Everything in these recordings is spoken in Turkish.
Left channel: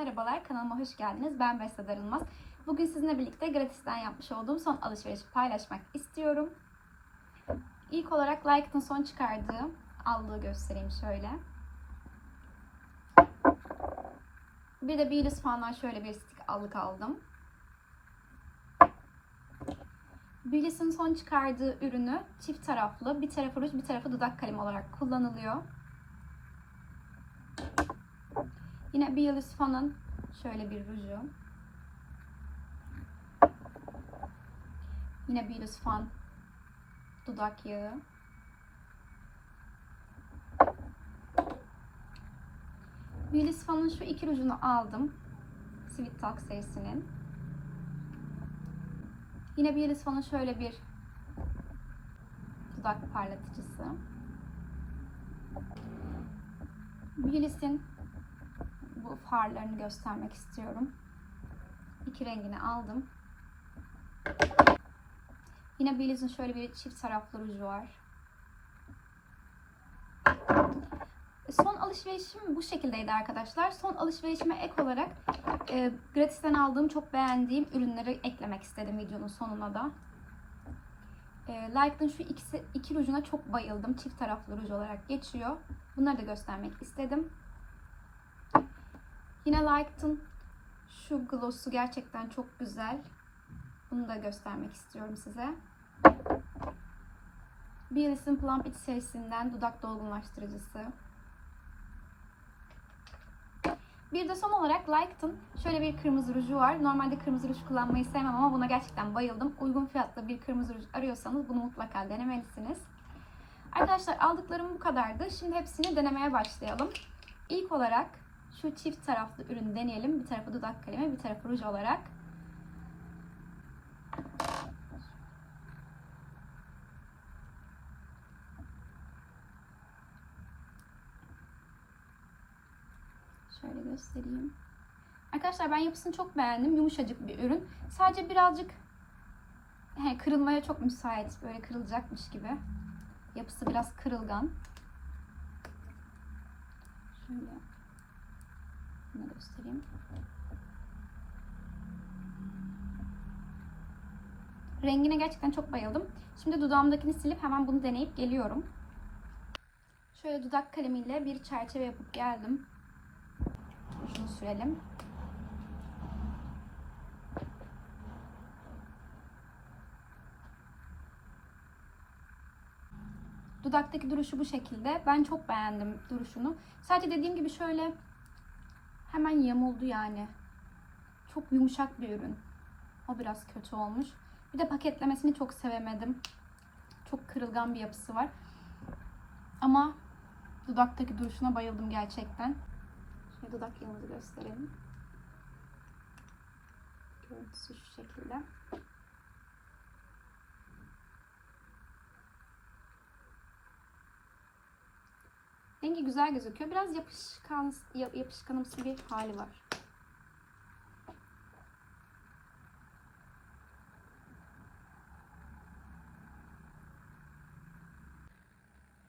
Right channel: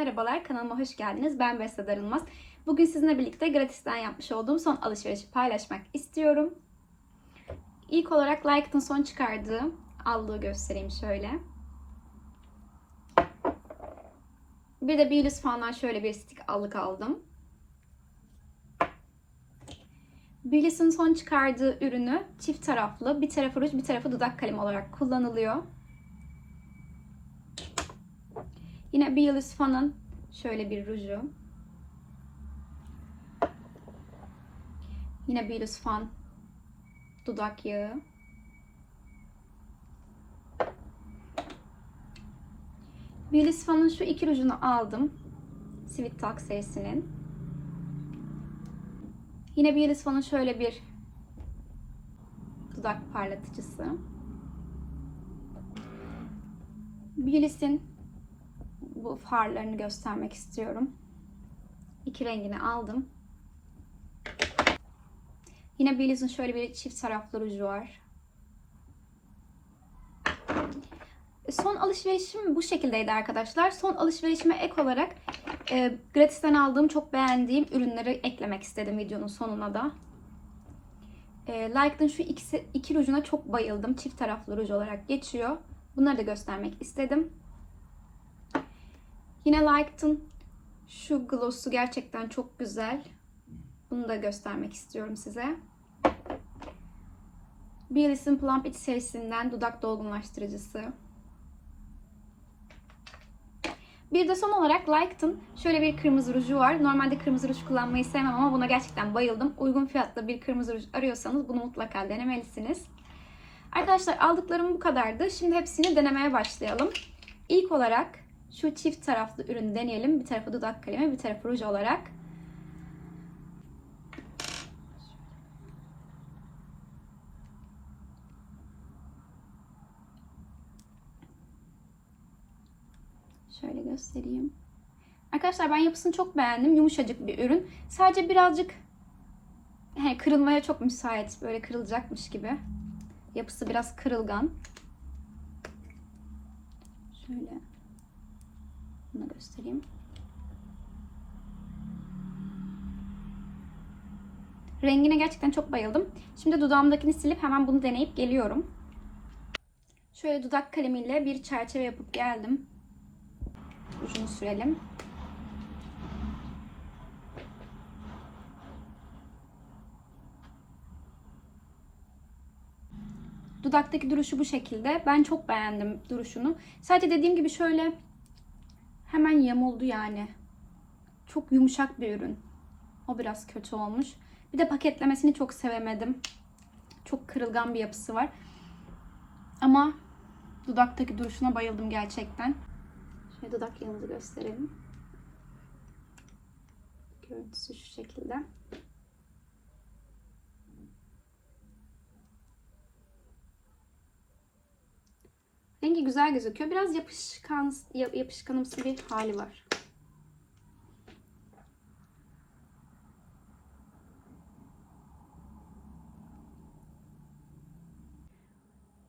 merhabalar. Kanalıma hoş geldiniz. Ben Beste Darılmaz. Bugün sizinle birlikte gratisten yapmış olduğum son alışverişi paylaşmak istiyorum. İlk olarak Like'ın son çıkardığı allığı göstereyim şöyle. Bir de Billys fandan şöyle bir stik allık aldım. Billys'in son çıkardığı ürünü çift taraflı, bir tarafı ruj, bir tarafı dudak kalemi olarak kullanılıyor. Yine Billys fanın şöyle bir ruju. Yine Billys fan dudak yağı. Billys fanın şu iki rujunu aldım. Sweet Talk serisinin. Yine Billys fanın şöyle bir dudak parlatıcısı. Billys'in bu farlarını göstermek istiyorum. İki rengini aldım. Yine Billys'in şöyle bir çift taraflı ruju var. Son alışverişim bu şekildeydi arkadaşlar. Son alışverişime ek olarak e, gratisten aldığım çok beğendiğim ürünleri eklemek istedim videonun sonuna da. E, Like'ın şu ikisi, iki rujuna çok bayıldım. Çift taraflı ruj olarak geçiyor. Bunları da göstermek istedim. Yine Like'ın şu gloss'u gerçekten çok güzel. Bunu da göstermek istiyorum size. Billys'in Plump It serisinden dudak dolgunlaştırıcısı. Bir de son olarak Like'ın şöyle bir kırmızı ruju var. Normalde kırmızı ruj kullanmayı sevmem ama buna gerçekten bayıldım. Uygun fiyatlı bir kırmızı ruj arıyorsanız bunu mutlaka denemelisiniz. Arkadaşlar aldıklarım bu kadardı. Şimdi hepsini denemeye başlayalım. İlk olarak şu çift taraflı ürünü deneyelim. Bir tarafı dudak kalemi, bir tarafı ruj olarak. Şöyle göstereyim. Arkadaşlar ben yapısını çok beğendim. Yumuşacık bir ürün. Sadece birazcık he, kırılmaya çok müsait. Böyle kırılacakmış gibi. Yapısı biraz kırılgan. Şöyle bunu göstereyim. Rengine gerçekten çok bayıldım. Şimdi dudağımdakini silip hemen bunu deneyip geliyorum. Şöyle dudak kalemiyle bir çerçeve yapıp geldim. Ucunu sürelim. Dudaktaki duruşu bu şekilde. Ben çok beğendim duruşunu. Sadece dediğim gibi şöyle hemen yamuldu yani. Çok yumuşak bir ürün. O biraz kötü olmuş. Bir de paketlemesini çok sevemedim. Çok kırılgan bir yapısı var. Ama dudaktaki duruşuna bayıldım gerçekten. Şöyle dudak yanımızı gösterelim. Görüntüsü şu şekilde. Rengi güzel gözüküyor. Biraz yapışkan, yapışkanımsı bir hali var.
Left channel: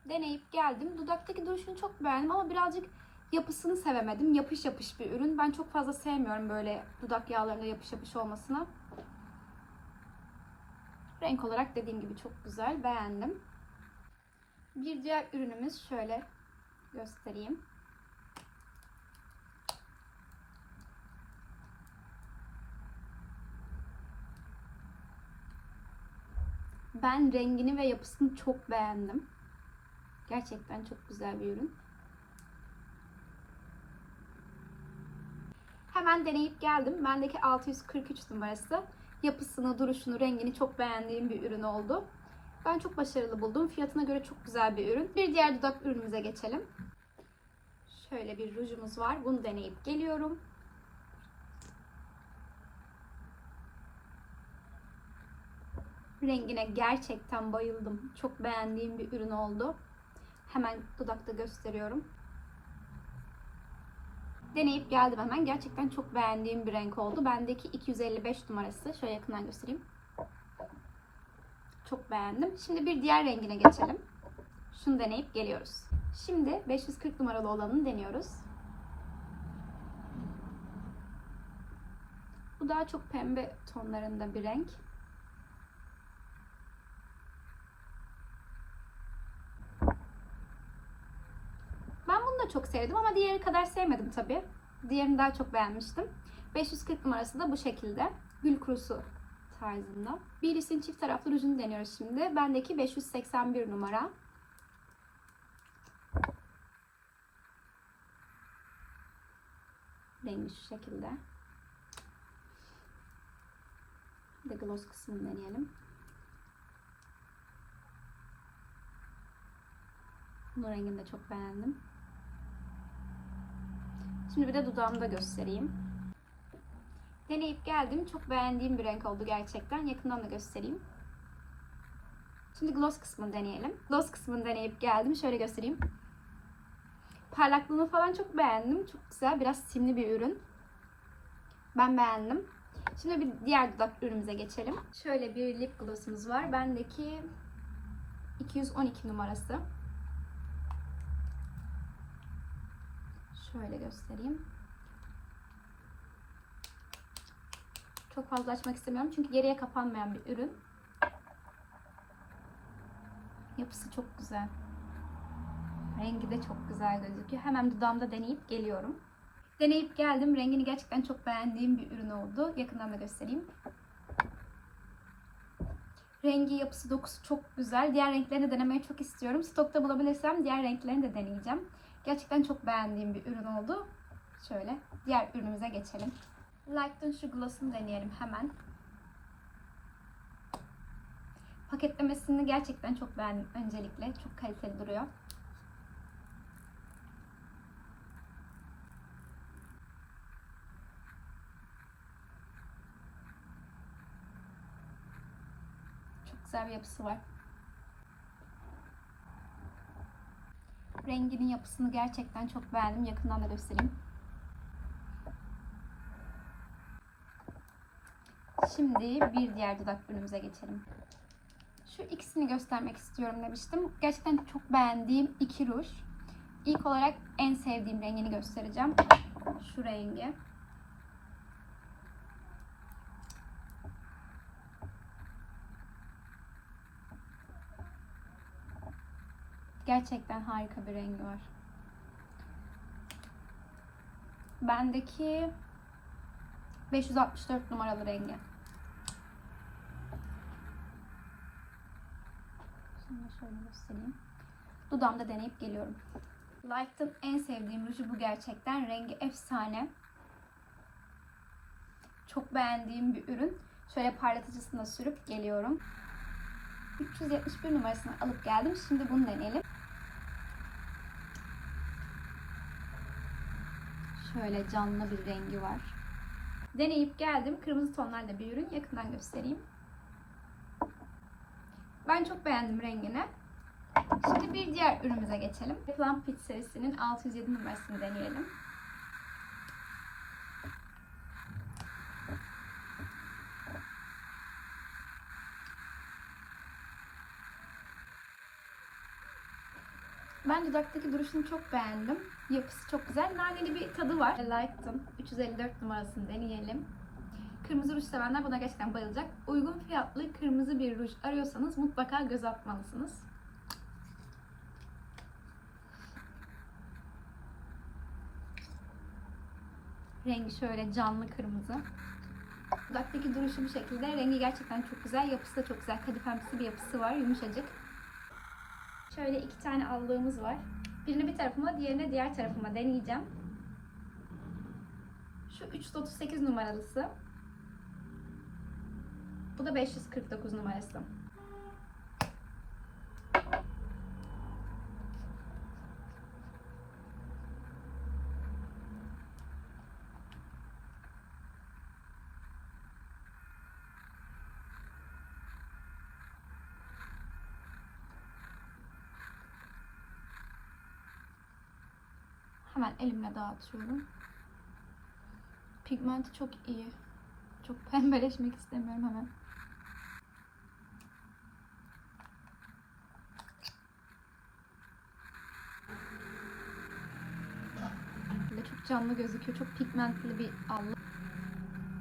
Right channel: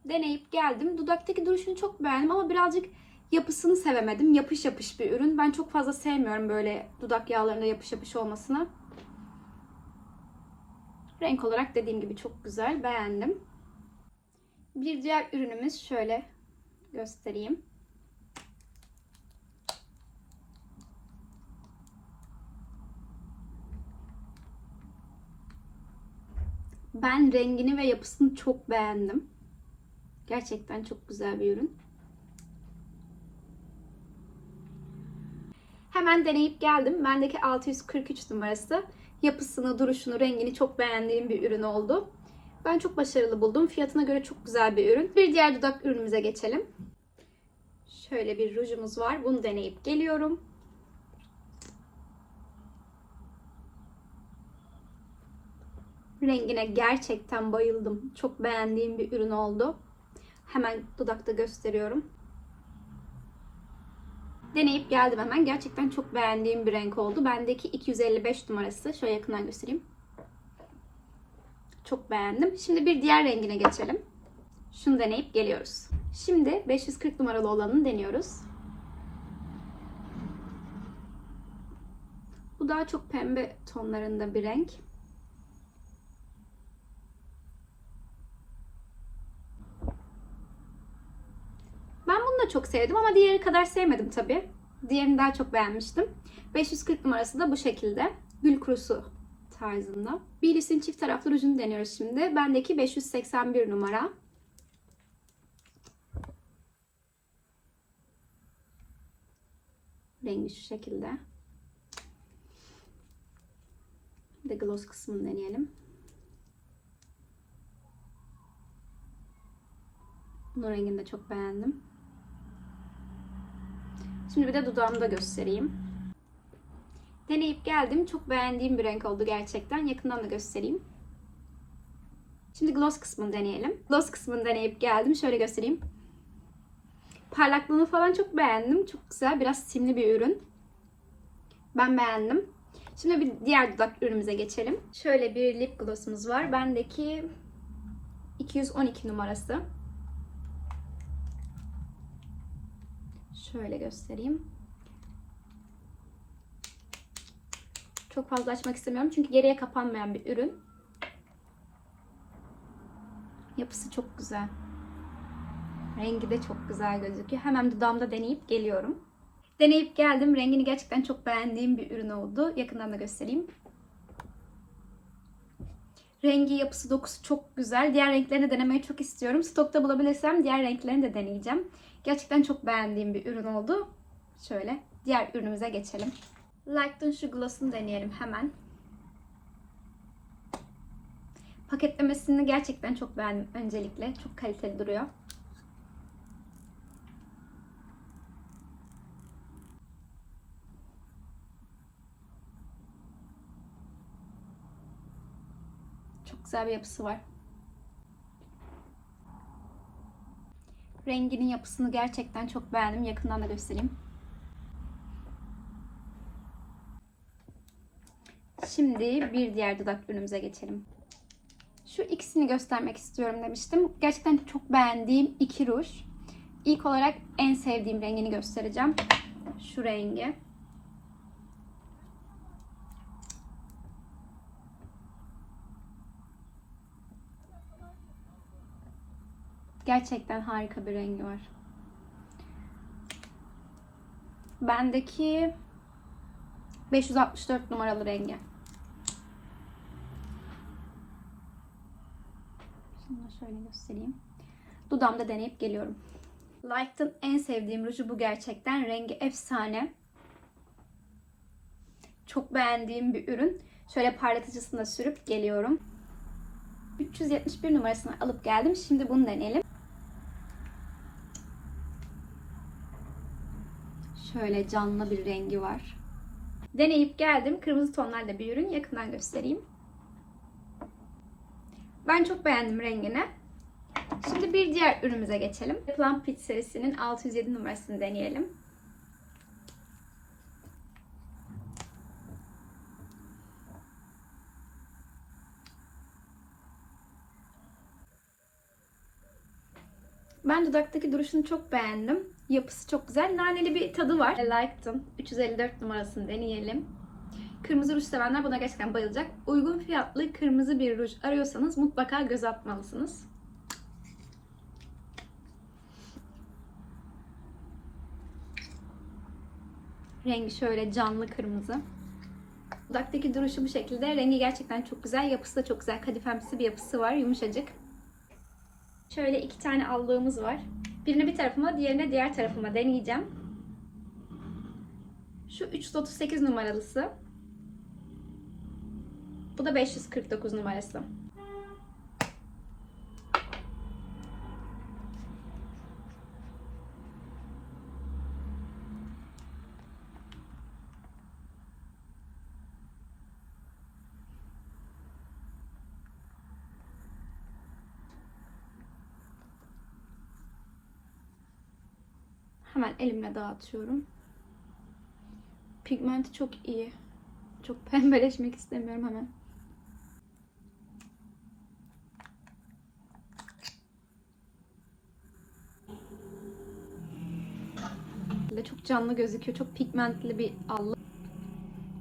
Deneyip geldim. Dudaktaki duruşunu çok beğendim ama birazcık yapısını sevemedim. Yapış yapış bir ürün. Ben çok fazla sevmiyorum böyle dudak yağlarında yapış yapış olmasını. Renk olarak dediğim gibi çok güzel. Beğendim. Bir diğer ürünümüz şöyle göstereyim. Ben rengini ve yapısını çok beğendim. Gerçekten çok güzel bir ürün. Hemen deneyip geldim. Bendeki 643 numarası. Yapısını, duruşunu, rengini çok beğendiğim bir ürün oldu. Ben çok başarılı buldum. Fiyatına göre çok güzel bir ürün. Bir diğer dudak ürünümüze geçelim. Şöyle bir rujumuz var. Bunu deneyip geliyorum. Rengine gerçekten bayıldım. Çok beğendiğim bir ürün oldu. Hemen dudakta gösteriyorum. Deneyip geldim hemen. Gerçekten çok beğendiğim bir renk oldu. Bendeki 255 numarası. Şöyle yakından göstereyim. Çok beğendim. Şimdi bir diğer rengine geçelim. Şunu deneyip geliyoruz. Şimdi 540 numaralı olanını deniyoruz. Bu daha çok pembe tonlarında bir renk. Ben bunu da çok sevdim ama diğeri kadar sevmedim tabii. Diğerini daha çok beğenmiştim. 540 numarası da bu şekilde. Gül kurusu tarzında. Billie's'in çift taraflı rujunu deniyoruz şimdi. Bendeki 581 numara. Rengi şu şekilde. Bir de gloss kısmını deneyelim. Bunun rengini de çok beğendim. Şimdi bir de dudağımı da göstereyim. Deneyip geldim. Çok beğendiğim bir renk oldu gerçekten. Yakından da göstereyim. Şimdi gloss kısmını deneyelim. Gloss kısmını deneyip geldim. Şöyle göstereyim. Parlaklığını falan çok beğendim. Çok güzel. Biraz simli bir ürün. Ben beğendim. Şimdi bir diğer dudak ürünümüze geçelim. Şöyle bir lip glossumuz var. Bendeki 212 numarası. Şöyle göstereyim. Çok fazla açmak istemiyorum çünkü geriye kapanmayan bir ürün. Yapısı çok güzel. Rengi de çok güzel gözüküyor. Hemen dudağımda deneyip geliyorum. Deneyip geldim. Rengini gerçekten çok beğendiğim bir ürün oldu. Yakından da göstereyim. Rengi, yapısı, dokusu çok güzel. Diğer renklerini denemeyi çok istiyorum. Stokta bulabilirsem diğer renklerini de deneyeceğim. Gerçekten çok beğendiğim bir ürün oldu. Şöyle diğer ürünümüze geçelim. Light'ın şu gloss'unu deneyelim hemen. Paketlemesini gerçekten çok beğendim öncelikle. Çok kaliteli duruyor. Çok güzel bir yapısı var. Renginin yapısını gerçekten çok beğendim. Yakından da göstereyim. Şimdi bir diğer dudak ürünümüze geçelim. Şu ikisini göstermek istiyorum demiştim. Gerçekten çok beğendiğim iki ruj. İlk olarak en sevdiğim rengini göstereceğim. Şu rengi. Gerçekten harika bir rengi var. Bendeki 564 numaralı rengi. Şimdi şöyle göstereyim. Dudağımda deneyip geliyorum. Light'ın en sevdiğim ruju bu gerçekten. Rengi efsane. Çok beğendiğim bir ürün. Şöyle parlatıcısını da sürüp geliyorum. 371 numarasını alıp geldim. Şimdi bunu deneyelim. Şöyle canlı bir rengi var. Deneyip geldim. Kırmızı tonlarda bir ürün. Yakından göstereyim. Ben çok beğendim rengini. Şimdi bir diğer ürünümüze geçelim. Plum Peach serisinin 607 numarasını deneyelim. Ben dudaktaki duruşunu çok beğendim. Yapısı çok güzel. Naneli bir tadı var. Like'tım. 354 numarasını deneyelim. Kırmızı ruj sevenler buna gerçekten bayılacak. Uygun fiyatlı kırmızı bir ruj arıyorsanız mutlaka göz atmalısınız. Rengi şöyle canlı kırmızı. Dudaktaki duruşu bu şekilde. Rengi gerçekten çok güzel. Yapısı da çok güzel. Kadifemsi bir yapısı var. Yumuşacık. Şöyle iki tane aldığımız var. Birini bir tarafıma, diğerini diğer tarafıma deneyeceğim. Şu 338 numaralısı. Bu da 549 numarası. Hemen elimle dağıtıyorum. Pigmenti çok iyi. Çok pembeleşmek istemiyorum hemen. Böyle canlı gözüküyor. Çok pigmentli bir allık.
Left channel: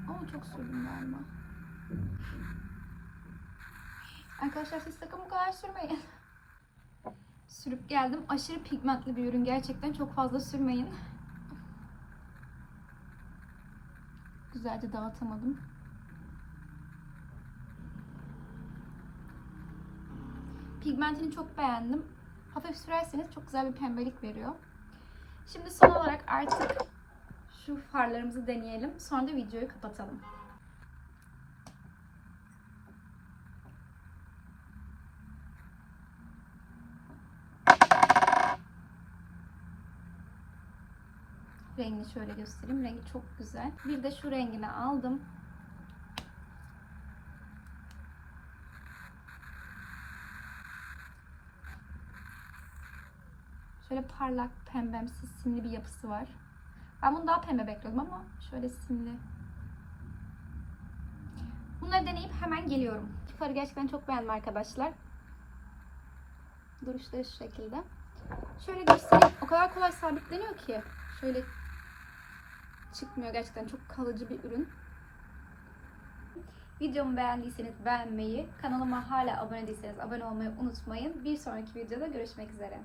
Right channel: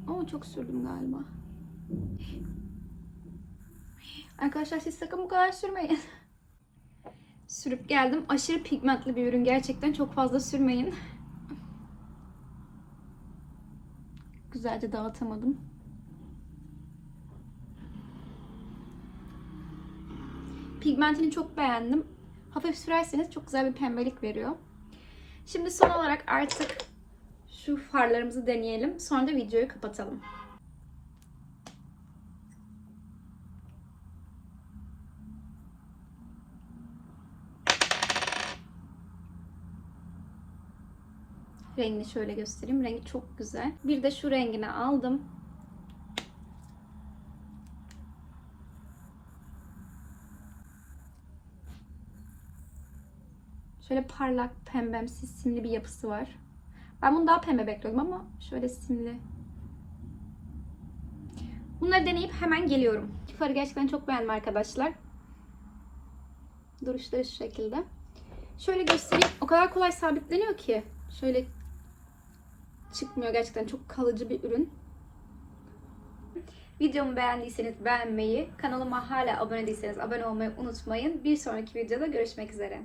Ama çok sürdüm galiba. Arkadaşlar siz sakın bu kadar sürmeyin. Sürüp geldim. Aşırı pigmentli bir ürün. Gerçekten çok fazla sürmeyin. Güzelce dağıtamadım. Pigmentini çok beğendim. Hafif sürerseniz çok güzel bir pembelik veriyor. Şimdi son olarak artık şu farlarımızı deneyelim. Sonra da videoyu kapatalım. Rengini şöyle göstereyim. Rengi çok güzel. Bir de şu rengini aldım. Şöyle parlak, pembemsi, simli bir yapısı var. Ben bunu daha pembe bekliyordum ama şöyle simli. Bunları deneyip hemen geliyorum. Farı gerçekten çok beğendim arkadaşlar. Duruşları şu şekilde. Şöyle göstereyim. O kadar kolay sabitleniyor ki. Şöyle çıkmıyor gerçekten çok kalıcı bir ürün. Videomu beğendiyseniz beğenmeyi, kanalıma hala abone değilseniz abone olmayı unutmayın. Bir sonraki videoda görüşmek üzere.